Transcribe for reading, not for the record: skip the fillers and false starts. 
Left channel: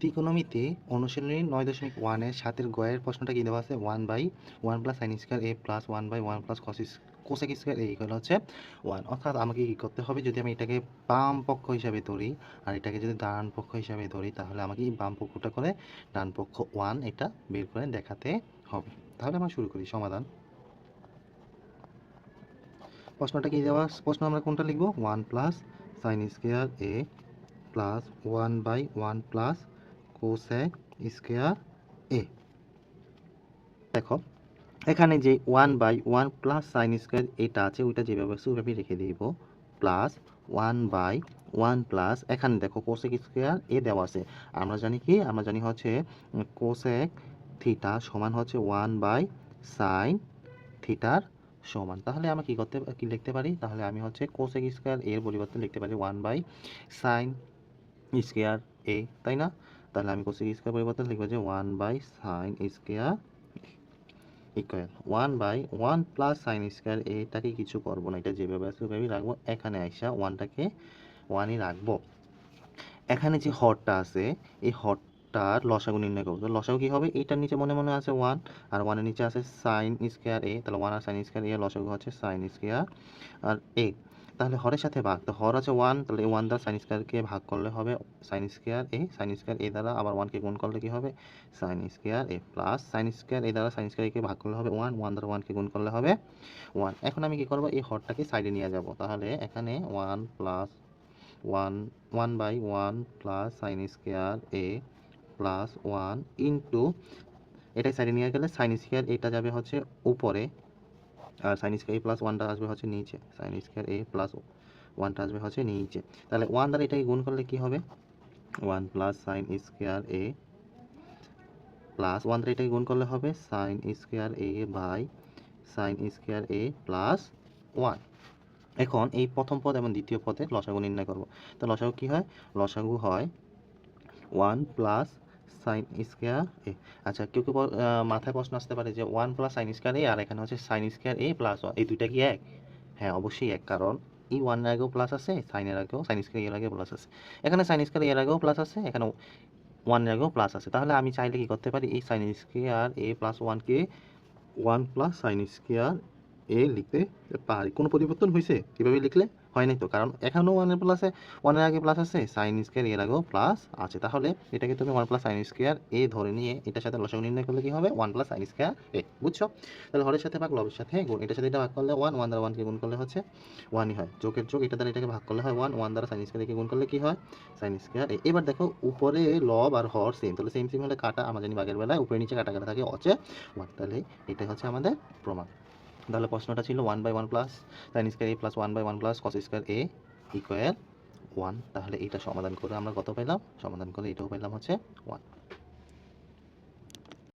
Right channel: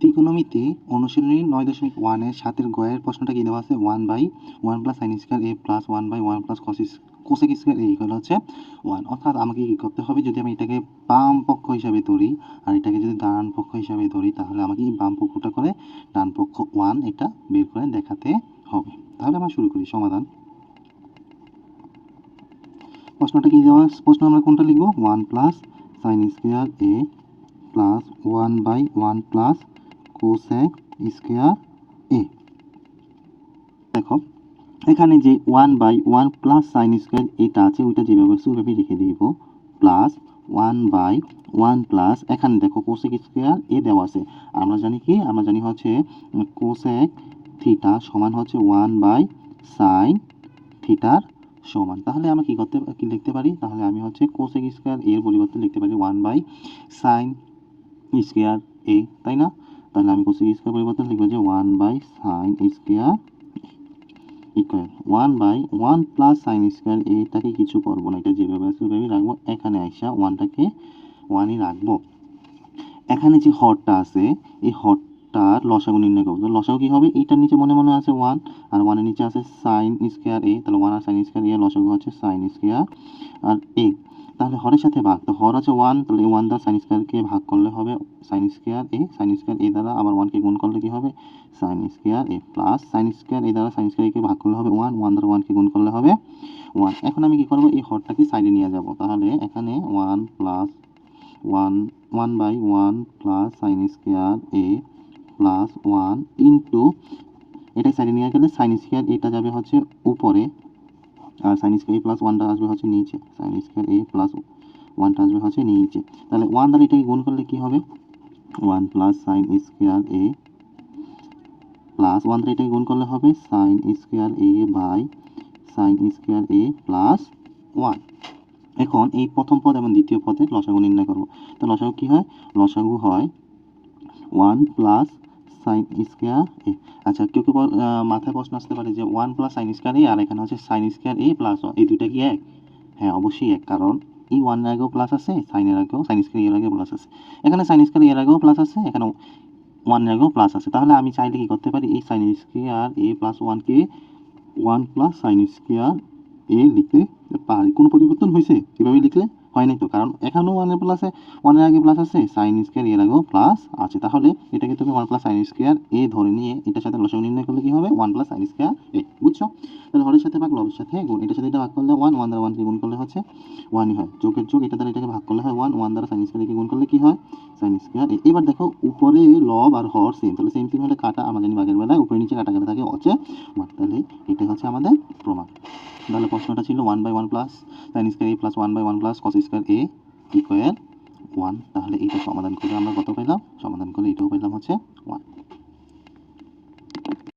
ত্রিকোণমিতি অনুশীলনী 9.1 এর 7 এর গয়ের প্রশ্নটা কি দেওয়া আছে 1/1 plus sine square A plus 1/1 plus cosec square A equal হচ্ছে 1। অর্থাৎ আমাকে কি করতে হবে, যদি আমি এটাকে বাম পক্ষ হিসাবে ধরি আর এটাকে যদি ডান পক্ষ হিসাবে ধরি, তাহলে আমাকে এই বাম পক্ষটা করে ডান পক্ষ 1 এটা বের করে দেখাতে হবে। তাহলে আমরা শুরু করি সমাধান। প্রশ্নটা কি দেওয়া, প্রশ্ন আমরা কোনটা লিখব, 1 plus sine square A plus 1/1 plus cosec square এ। দেখো এখানে যে 1/1 প্লাস সাইন স্কয়ার এটা আছে, ওইটা যেভাবে আছে ওইভাবে রেখে দিব, প্লাস 1/1 প্লাস এখানে দেখো কোসেক স্কয়ার এ দেওয়া আছে। আমরা জানি কি, আমরা জানি হচ্ছে কোসেক থিটা সমান হচ্ছে 1/সাইন থিটার সমান। তাহলে আমি কি লিখতে পারি, তাহলে আমি হচ্ছে কোসেক স্কয়ার এর পরিবর্তে লিখতে পারি 1/সাইন স্কয়ার এ, তাই না? তাহলে আমি কোসেক স্কয়ার পরিবর্তে লিখব যে 1/সাইন square equal 1/1 plus sine square এটাকে কিছু করব না, এটা যেভাবে আছে ওইভাবেই রাখবো। এখানে আইসা 1টাকে 1ই রাখবো। এখানে যে হরটা আছে এই হরটার লসাগু নির্ণয় করবো। লসাগু কি হবে, এইটার নিচে মনে মনে আছে 1 আর 1 এর নিচে আছে সাইন স্কয়ার এ, তাহলে 1 আর সাইন স্কয়ার এর লসাগু হচ্ছে সাইন স্কয়ার আর এ। তাহলে হরের সাথে ভাগ, তো হর আছে 1, তাহলে 1 দ্বারা সাইন স্কয়ারকে ভাগ করলে হবে সাইন স্কয়ার এ দ্বারা আবার 1 কে গুণ করলে কি হবে sine square A, plus sine square এ দ্বারা সাইন স্কয়ার এ কে ভাগ করলে হবে 1 দ্বারা 1 কে গুণ করলে হবে 1। এখন আমি কি করব, এই হরটাকে সাইডে নিয়ে যাব। তাহলে এখানে 1 plus 1/1 plus sine square A plus 1 into, এটাই সাইডে নিয়ে গেলে সাইন স্কয়ার এটা যাবে হচ্ছে উপরে আর সাইন স্কয়ার এ প্লাস 1টা আসবে হচ্ছে নিচে, সাইন স্কয়ার এ প্লাস 1টা আসবে হচ্ছে নিচে। তাহলে 1 দ্বারা এটাকে গুণ করলে কি হবে, 1 plus sine square A plus 1 দ্বারা এটাকে গুণ করলে হবে sine square A by sine square A plus 1। এখন এই প্রথম পদ এবং দ্বিতীয় পদের লসাগু নির্ণয় করব। তো লসাগু কি হয়, লসাগু হয় 1 প্লাস সাইন স্কয়ার এ। আচ্ছা কেউ কেউ মাথায় প্রশ্ন আসতে পারে যে 1 প্লাস সাইন স্কয়ার এ আর এখানে হচ্ছে সাইন স্কয়ার এ প্লাস 1, এই দুইটা কি এক? হ্যাঁ অবশ্যই এক, কারণ এই 1 এর আগেও প্লাস আছে, সাইনের আগেও সাইন স্কয়ার এর আগেও প্লাস আছে, এখানে সাইন স্কয়ার এর আগেও প্লাস আছে, এখানে 1 এর আগেও প্লাস আছে। তাহলে আমি চাইলে কি করতে পারি, এই sign square A plus 1 K 1 plus sine square এ লিখতে পারি। কোনো পরিবর্তন হয়েছে এভাবে লিখলে? হয় নাই তো, কারণ এখানেও 1 এর প্লাসে 1 এর আগে প্লাস আছে, সাইন স্কয়ার এর আগেও প্লাস আছে। তাহলে এটাকে তুমি 1 প্লাস সাইন স্কয়ার এ ধরে নিয়ে এটার সাথে লসাগু নির্ণয় করলে কি হবে 1 প্লাস সাইন স্কয়ার এ। বুঝছো? তাহলে হরের সাথে ভাগ, লবের সাথে গুণ, এটার সাথে এটা ভাগ করলে 1 দ্বারা 1 কে গুণ করলে হচ্ছে 1ই হয়, যোগের যোগ, এটা দ্বারা এটাকে ভাগ করলে হয় 1 দ্বারা সাইন স্কয়ার এ কে গুণ করলে কি হয় সাইন স্কয়ার এ। এবার দেখো উপরে লব আর হর সেম, তাহলে সেম সেম হলে কাটা, আমরা জানি ভাগের বেলায় উপরে নিচে কাটা কাটা থাকে হচ্ছে 1। তাহলে এটাই হচ্ছে আমাদের প্রমাণ। তাহলে প্রশ্নটা ছিল 1/1 plus sine square A plus 1/1 plus cos square A equal 1। তাহলে এটা সমাধান করে আমরা কত পেলাম, সমাধান করলে এটাও পেলাম হচ্ছে 1।